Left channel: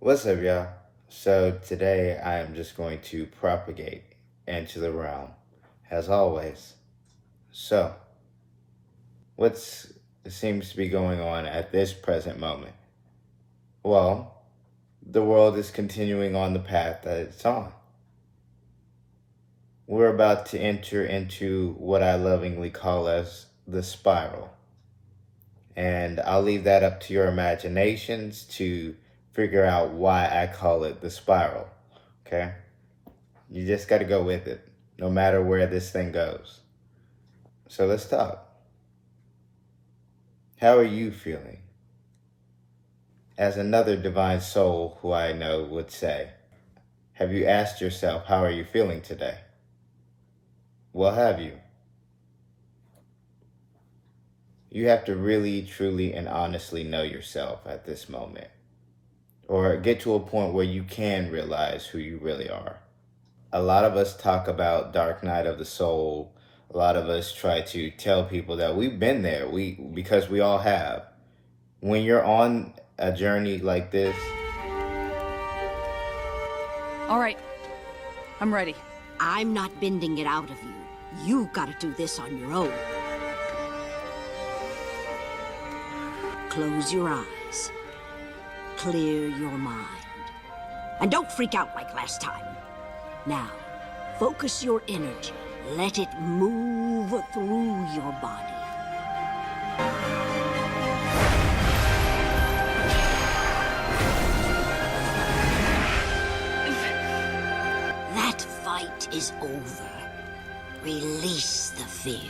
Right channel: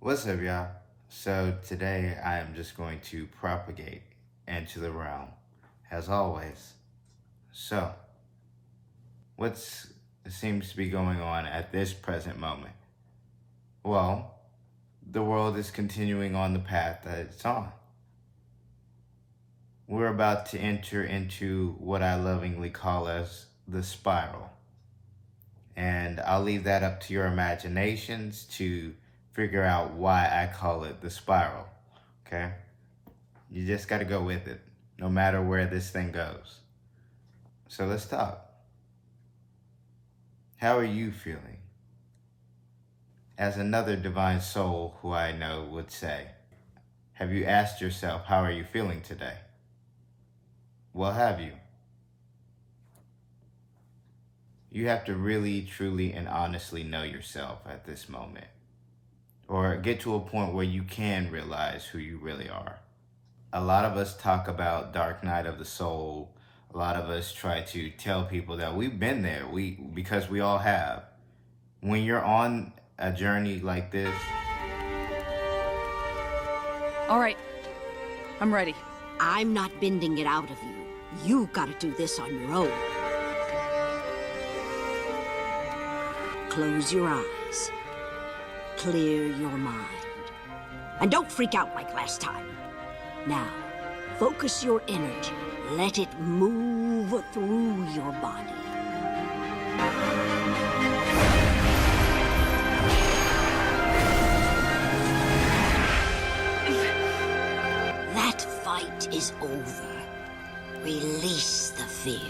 What's up, y'all? So today I am just going to propagate into the realm, as always. So, what seems to be going on at this present moment? Well, the world is continuing on the path that it's on. We're about to enter into what I lovingly call as the spiral. And I'll leave that up to your imaginations to figure out why I call it the spiral, okay? You just got to go with it, no matter where this thing goes. So let's talk. How are you feeling? As another divine soul who I know would say, have you asked yourself, how are you feeling today? Well, have you? You have to really, truly, and honestly know yourself at this moment, or get to a point where you can realize who you really are. A lot of us talk about dark night of the soul. A lot of us try to tell people that we've been there, because we all have. When you're on a journey like this, All right, I'm ready. I'm not bending it out of you. You gotta do this on your own. Close your eyes. Clear your mind. And don't freak out like last time. Now, focus your energy. Let it move through your body. That fight is over. Release the fear.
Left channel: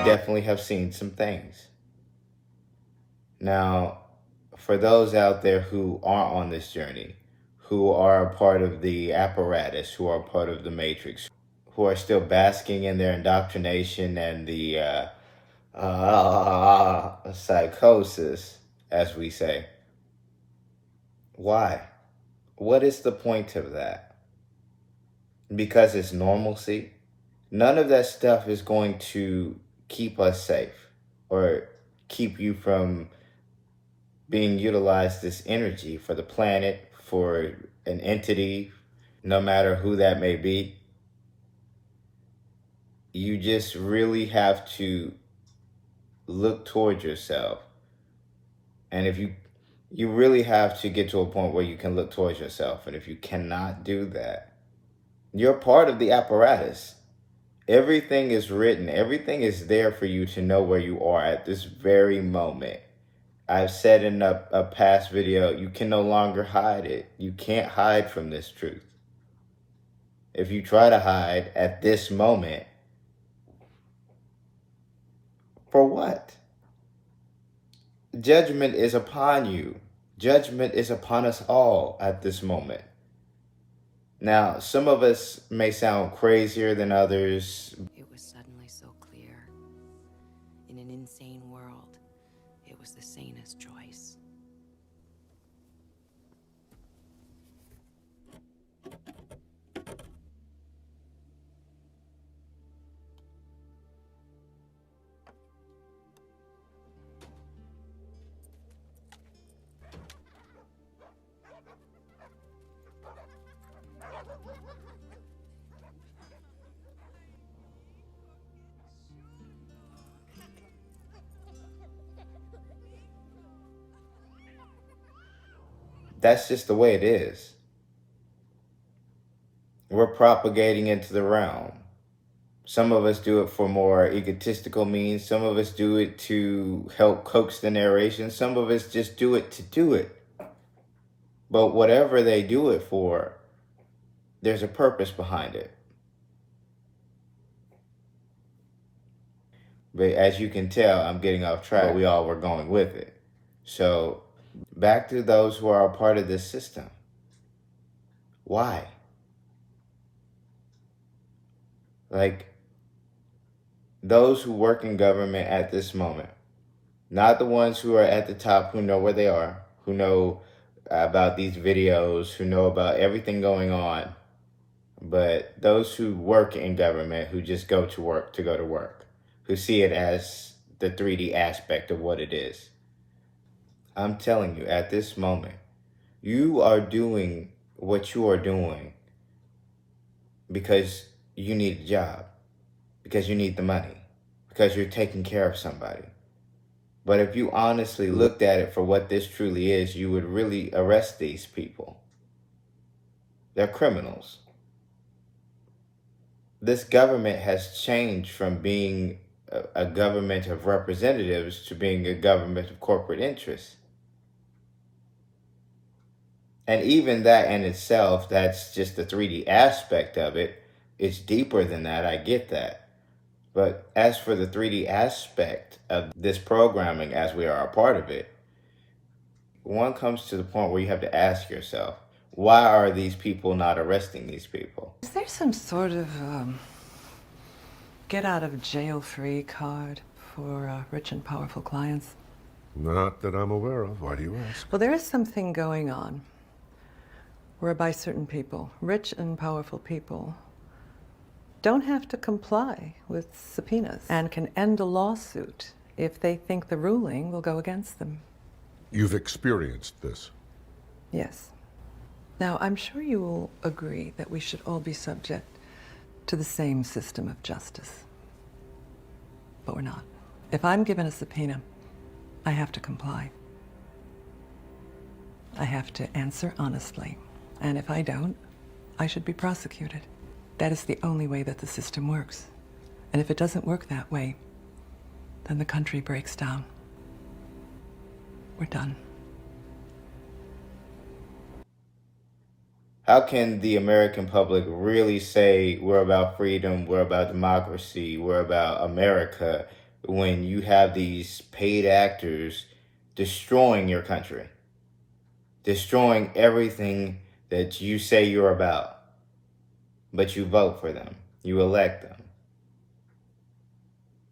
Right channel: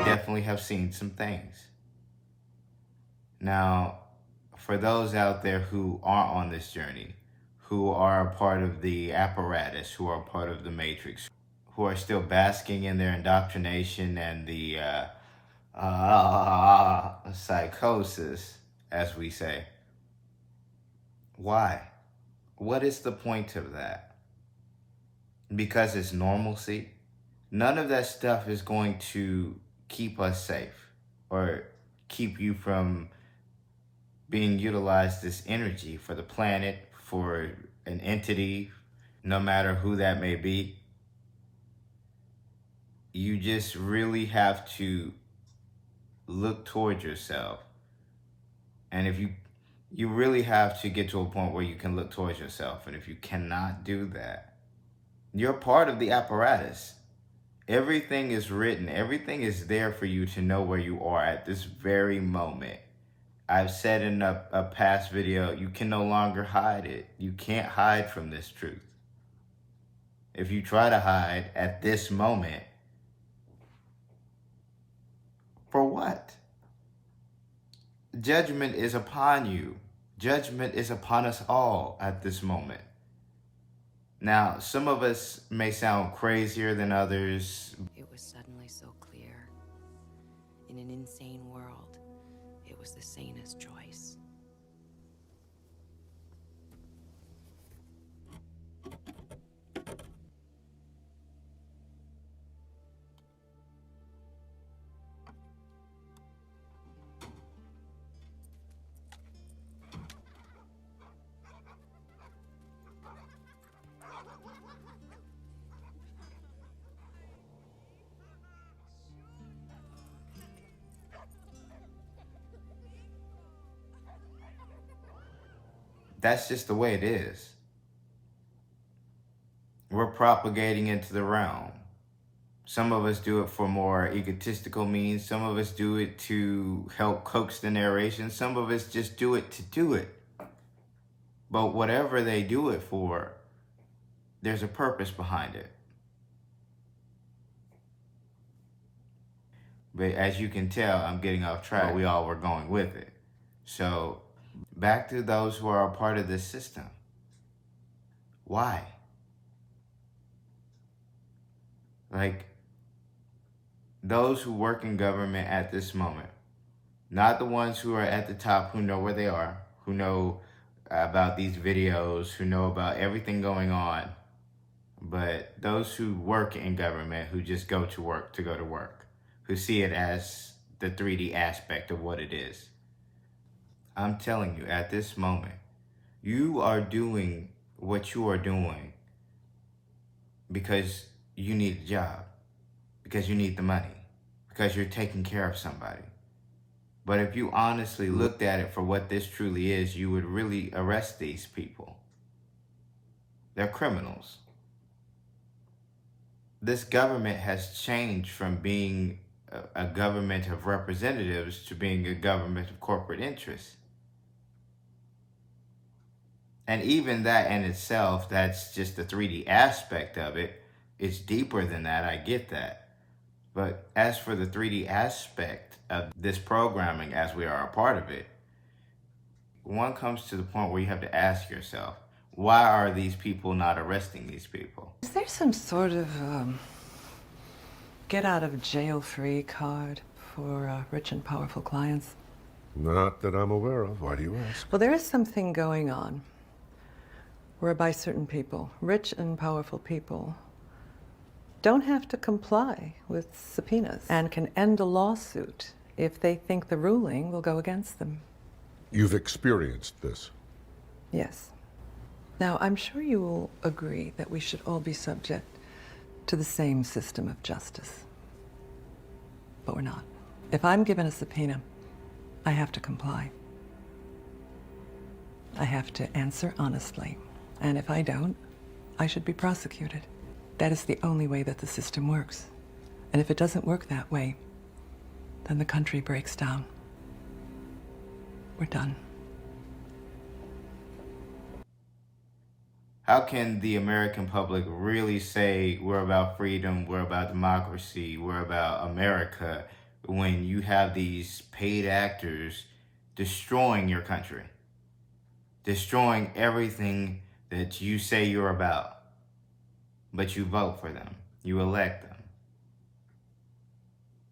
you definitely have seen some things. Now, for those out there who aren't on this journey, who are a part of the apparatus, who are part of the matrix, who are still basking in their indoctrination and the psychosis, as we say, why? What is the point of that? Because it's normalcy? None of that stuff is going to keep us safe or keep you from being utilized this energy for the planet, for an entity, no matter who that may be. You just really have to look towards yourself. And if you really have to get to a point where you can look towards yourself. And if you cannot do that, you're part of the apparatus. Everything is written. Everything is there for you to know where you are at this very moment. I've said in a past video, you can no longer hide it. You can't hide from this truth. If you try to hide at this moment, for what? Judgment is upon you. Judgment is upon us all at this moment. Now, some of us may sound crazier than others. It was suddenly so clear. In an insane world, it was the sanest choice. That's just the way it is. We're propagating into the realm. Some of us do it for more egotistical means. Some of us do it to help coax the narration. Some of us just do it to do it. But whatever they do it for, there's a purpose behind it. But as you can tell, I'm getting off track. But we all were going with it. So back to those who are a part of this system. Why? Like, those who work in government at this moment, not the ones who are at the top who know where they are, who know about these videos, who know about everything going on, but those who work in government, who just go to work to go to work, who see it as the 3D aspect of what it is. I'm telling you, at this moment, you are doing what you are doing because you need a job, because you need the money, because you're taking care of somebody. But if you honestly looked at it for what this truly is, you would really arrest these people. They're criminals. This government has changed from being a government of representatives to being a government of corporate interests. And even that in itself, that's just the 3D aspect of it. It's deeper than that, I get that. But as for the 3D aspect of this programming, as we are a part of it, one comes to the point where you have to ask yourself, why are these people not arresting these people? Is there some sort of get out of jail free card for rich and powerful clients? Not that I'm aware of. Why do you ask? Well, there is something going on whereby certain people, rich and powerful people, don't have to comply with subpoenas and can end a lawsuit if they think the ruling will go against them. You've experienced this. Yes. Now, I'm sure you will agree that we should all be subject to the same system of justice. But we're not. If I'm given a subpoena, I have to comply. I have to answer honestly. And if I don't, I should be prosecuted. That is the only way that the system works. And if it doesn't work that way, then the country breaks down. We're done. How can the American public really say we're about freedom, we're about democracy, we're about America, when you have these paid actors destroying your country, destroying everything that you say you're about, but you vote for them, you elect them?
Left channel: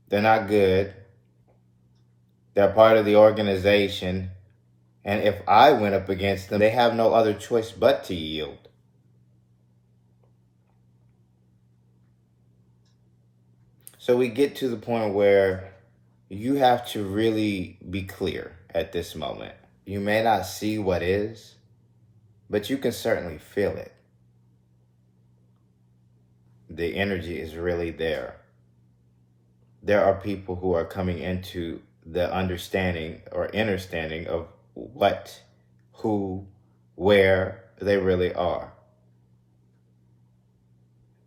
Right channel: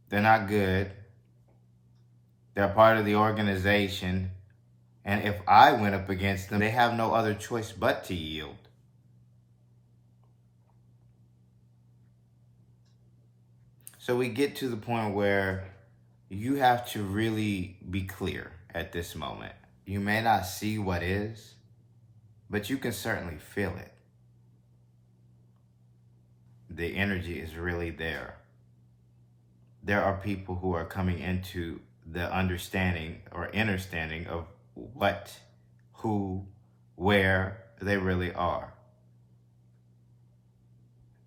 They're not good. They're part of the organization. And if I went up against them, they have no other choice but to yield. So we get to the point where you have to really be clear at this moment. You may not see what is, but you can certainly feel it. The energy is really there. There are people who are coming into the understanding or understanding of what, who, where they really are.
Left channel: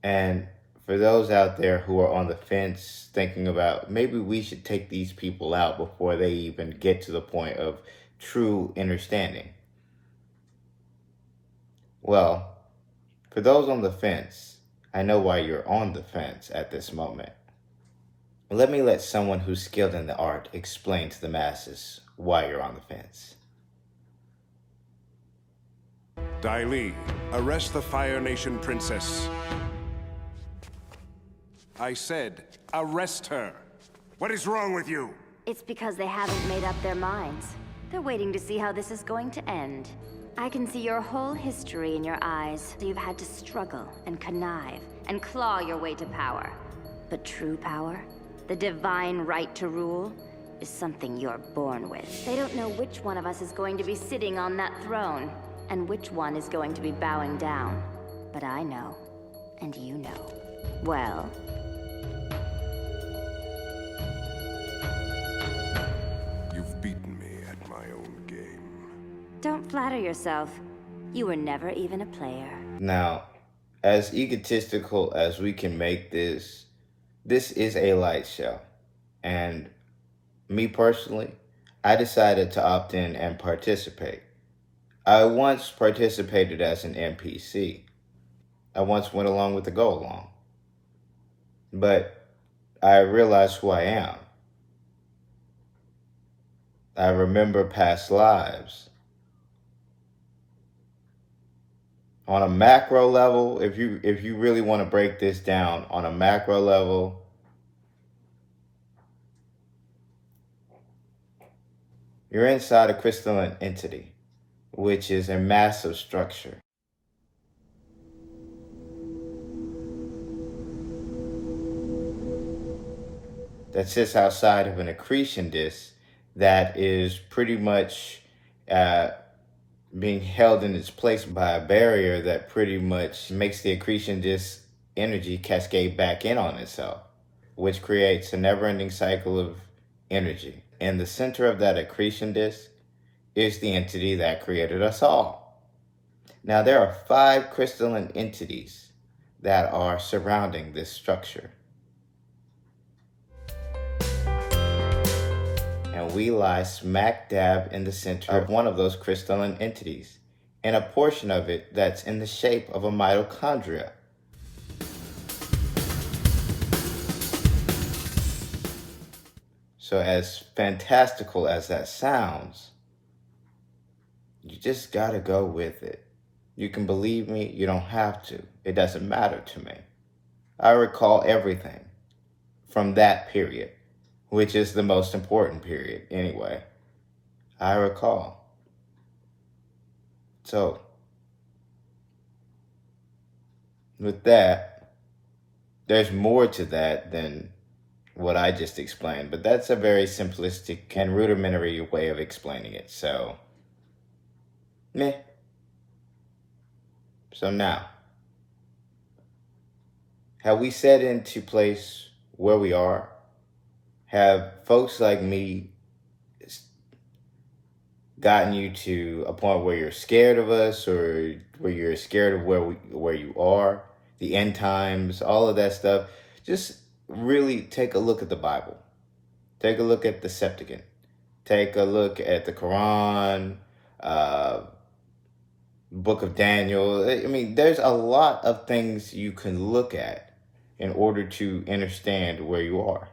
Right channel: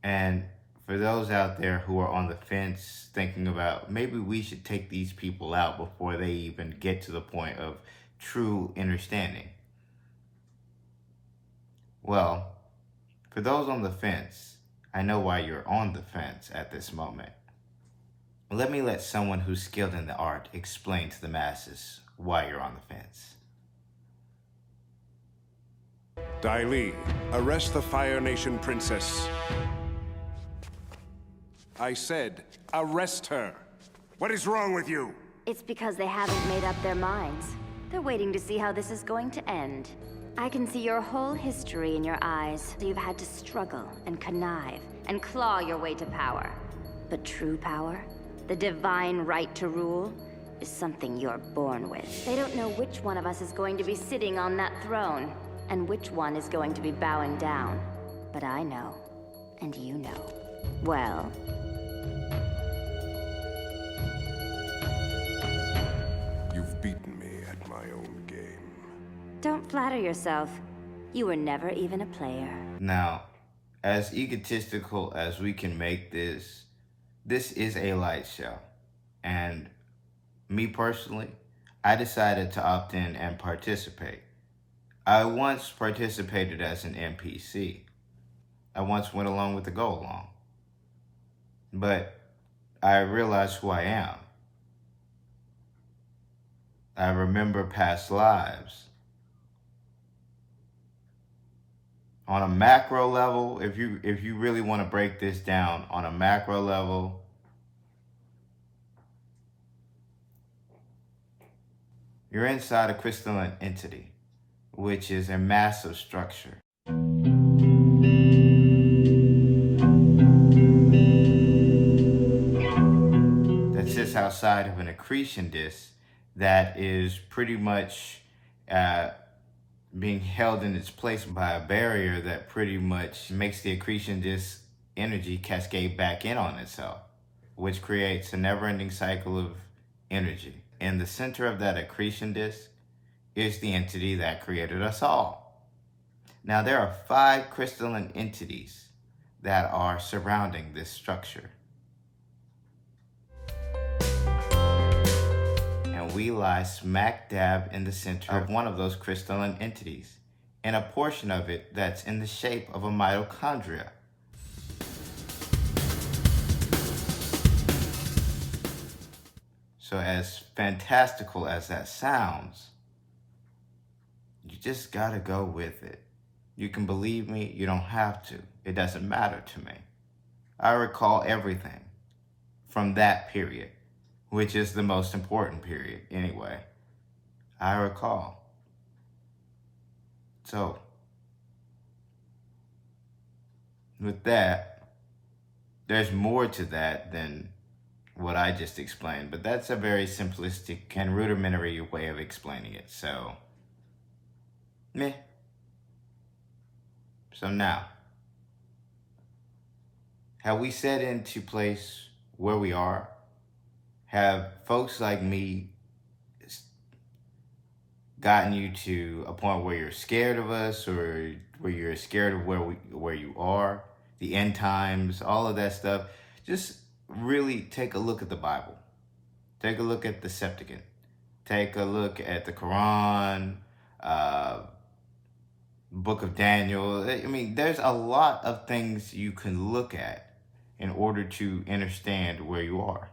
And for those out there who are on the fence thinking about maybe we should take these people out before they even get to the point of true understanding. Well, for those on the fence, I know why you're on the fence at this moment. Let someone who's skilled in the art explain to the masses why you're on the fence. Dai Li, arrest the Fire Nation princess. I said, arrest her. What is wrong with you? It's because they haven't made up their minds. They're waiting to see how this is going to end. I can see your whole history in your eyes. You've had to struggle and connive and claw your way to power. But true power, the divine right to rule, is something you're born with. They don't know which one of us is going to be sitting on that throne, and which one is going to be bowing down. But I know, and you know. Well, You've beaten me at my own game. don't flatter yourself. You were never even a player. Now, as egotistical as we can make this is a light show. And me personally, I decided to opt in and participate. I once participated as an NPC. I once went along with the go along. But I realized who I am. I remember past lives. On a macro level, if you really want to break this down on a macro level, you're inside a crystalline entity, which is a massive structure. That sits outside of an accretion disk that is pretty much being held in its place by a barrier that pretty much makes the accretion disk energy cascade back in on itself, which creates a never-ending cycle of energy. In the center of that accretion disk is the entity that created us all. Now, there are 5 crystalline entities that are surrounding this structure. And we lie smack dab in the center of one of those crystalline entities, and a portion of it that's in the shape of a mitochondria. So as fantastical as that sounds, you just gotta go with it. You can believe me, you don't have to. It doesn't matter to me. I recall everything from that period, which is the most important period anyway. I recall. So, with that, there's more to that than what I just explained, but that's a very simplistic and rudimentary way of explaining it. So, meh. So now, have we set into place where we are? Have folks like me gotten you to a point where you're scared of us, or where you're scared of where you are, the end times, all of that stuff? Just really take a look at the Bible. Take a look at the Septuagint. Take a look at the Quran, Book of Daniel. I mean, there's a lot of things you can look at in order to understand where you are.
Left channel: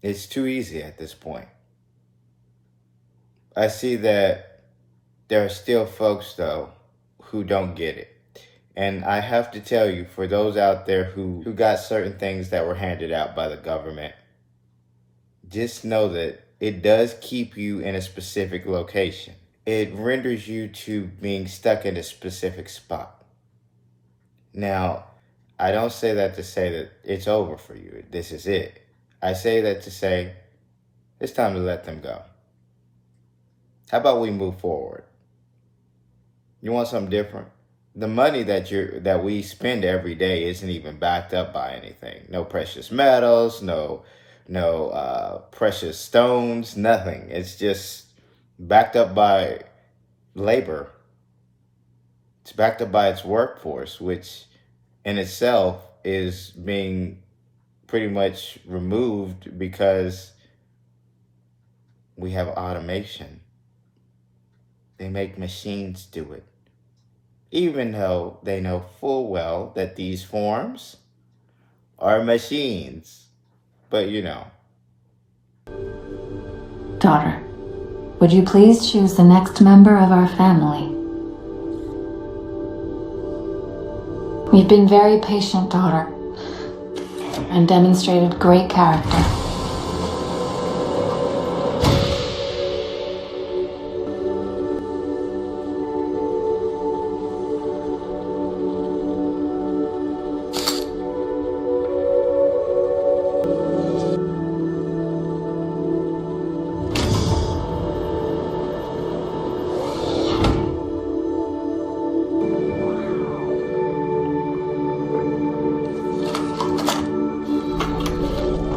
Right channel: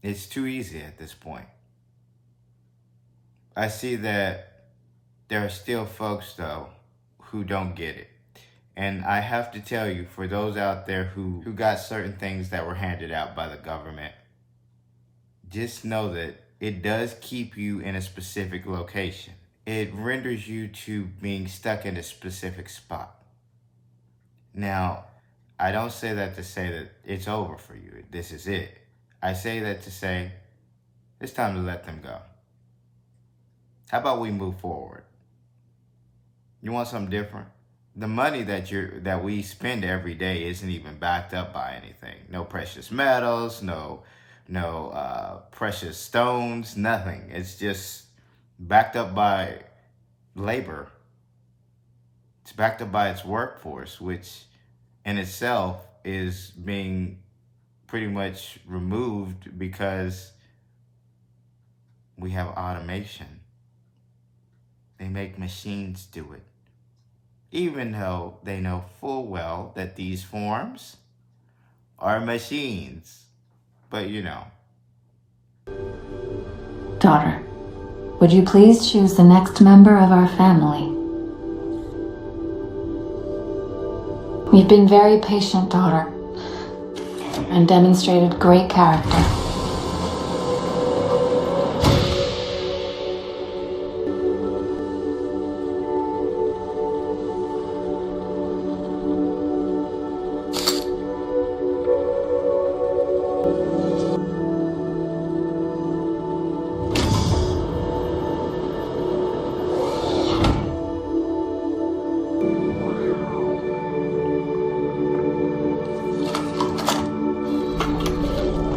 It's too easy at this point. I see that there are still folks, though, who don't get it. And I have to tell you, for those out there who got certain things that were handed out by the government, just know that it does keep you in a specific location. It renders you to being stuck in a specific spot. Now, I don't say that to say that it's over for you. This is it. I say that to say it's time to let them go. How about we move forward? You want something different? The money that we spend every day isn't even backed up by anything. No precious metals, no precious stones, nothing. It's just backed up by labor. It's backed up by its workforce, which in itself is being pretty much removed because we have automation. They make machines do it, even though they know full well that these forms are machines. But you know. Daughter, would you please choose the next member of our family? You've been very patient, daughter, and demonstrated great character.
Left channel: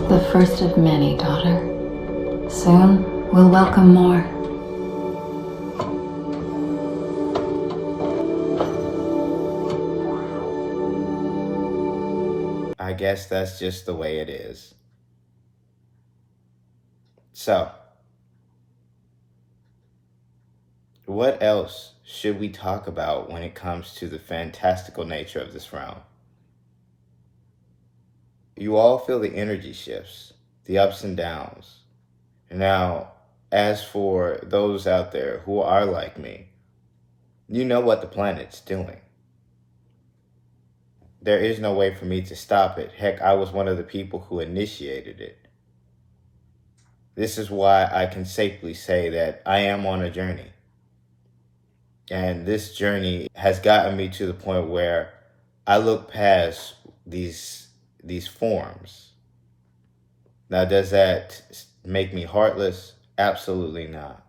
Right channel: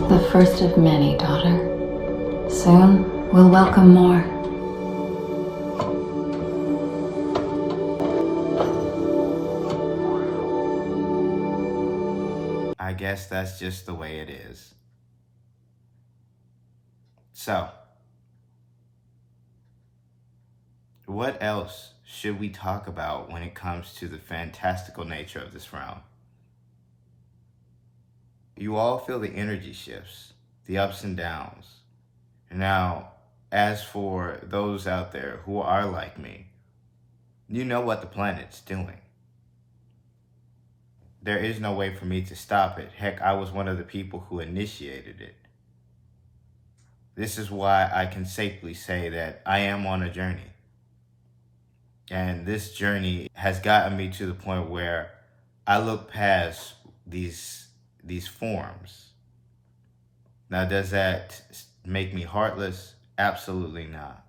The first of many, daughter. Soon, we'll welcome more. I guess that's just the way it is. So, what else should we talk about when it comes to the fantastical nature of this realm? You all feel the energy shifts, the ups and downs. Now, as for those out there who are like me, you know what the planet's doing. There is no way for me to stop it. Heck, I was one of the people who initiated it. This is why I can safely say that I am on a journey. And this journey has gotten me to the point where I look past these forms. Now, does that make me heartless? Absolutely not.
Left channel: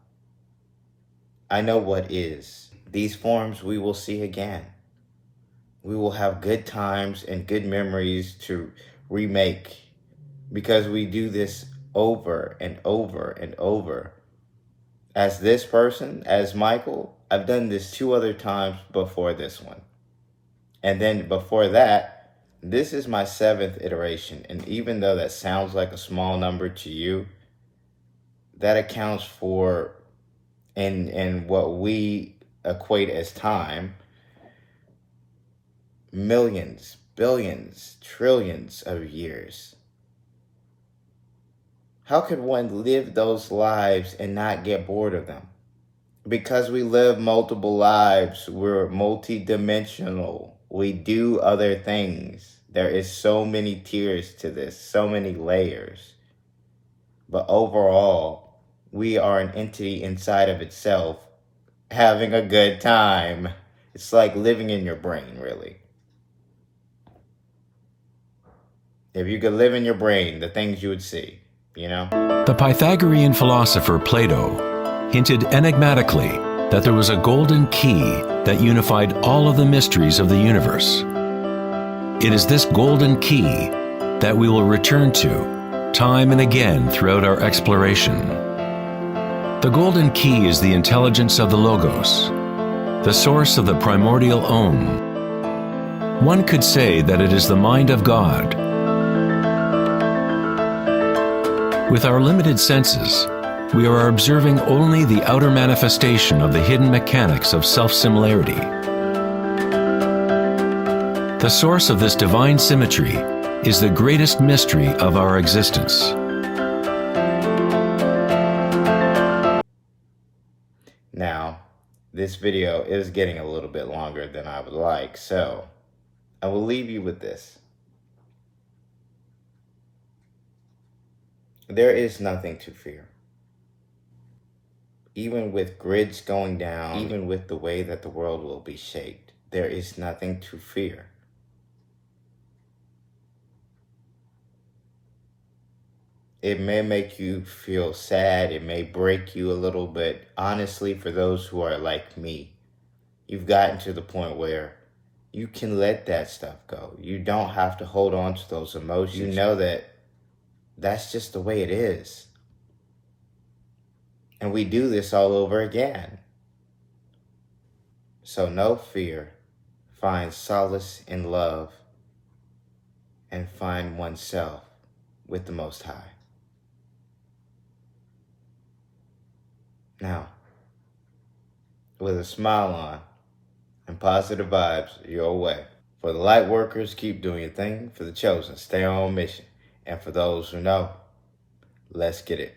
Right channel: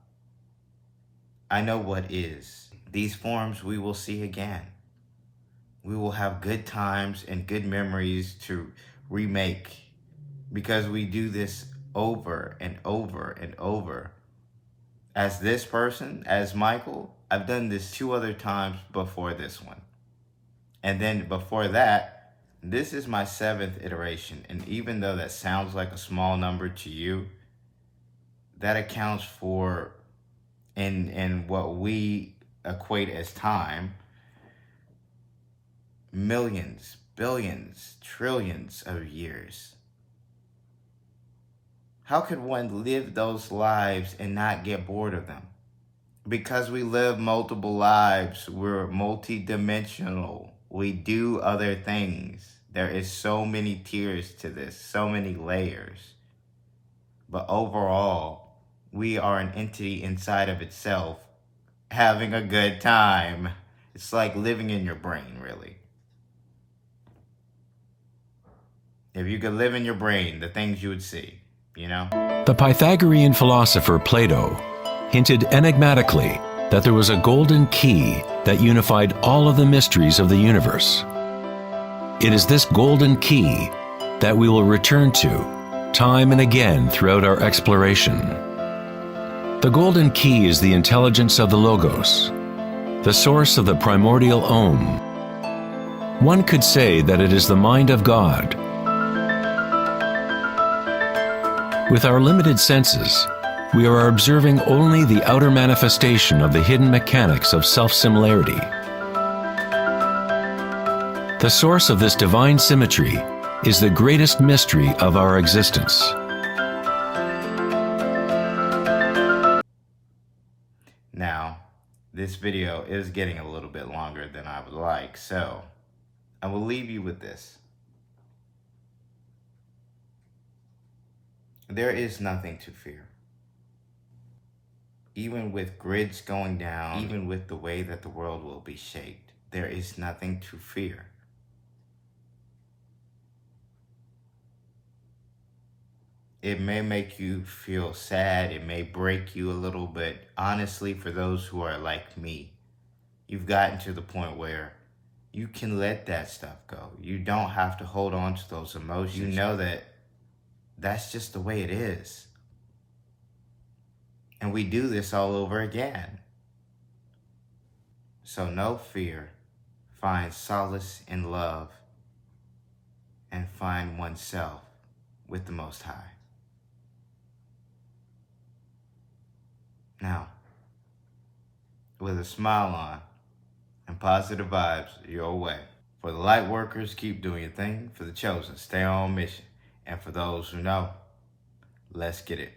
I know what is. These forms we will see again. We will have good times and good memories to remake, because we do this over and over and over. As this person, as MiKa'El, I've done this 2 other times before this one. And then before that, this is my 7th iteration. And even though that sounds like a small number to you, that accounts for, in what we equate as time, millions, billions, trillions of years. How could one live those lives and not get bored of them? Because we live multiple lives, we're multi-dimensional. We do other things. There is so many tiers to this, so many layers. But overall, we are an entity inside of itself, having a good time. It's like living in your brain, really. If you could live in your brain, the things you would see, you know? The Pythagorean philosopher Plato hinted enigmatically that there was a golden key that unified all of the mysteries of the universe. It is this golden key that we will return to time and again throughout our exploration. The golden key is the intelligence of the Logos, the source of the primordial Om. One could say that it is the mind of God. With our limited senses, we are observing only the outer manifestation of the hidden mechanics of self-similarity. The source of this divine symmetry is the greatest mystery of our existence. Now, this video is getting a little bit longer than I would like, so I will leave you with this. There is nothing to fear. Even with grids going down, even with the way that the world will be shaped, there is nothing to fear. It may make you feel sad, it may break you a little bit. Honestly, for those who are like me, you've gotten to the point where you can let that stuff go. You don't have to hold on to those emotions. You know that that's just the way it is. And we do this all over again. So no fear. Find solace in love and find oneself with the Most High. Now, with a smile on and positive vibes your way. For the light workers, keep doing your thing. For the chosen, stay on mission. And for those who know, let's get it.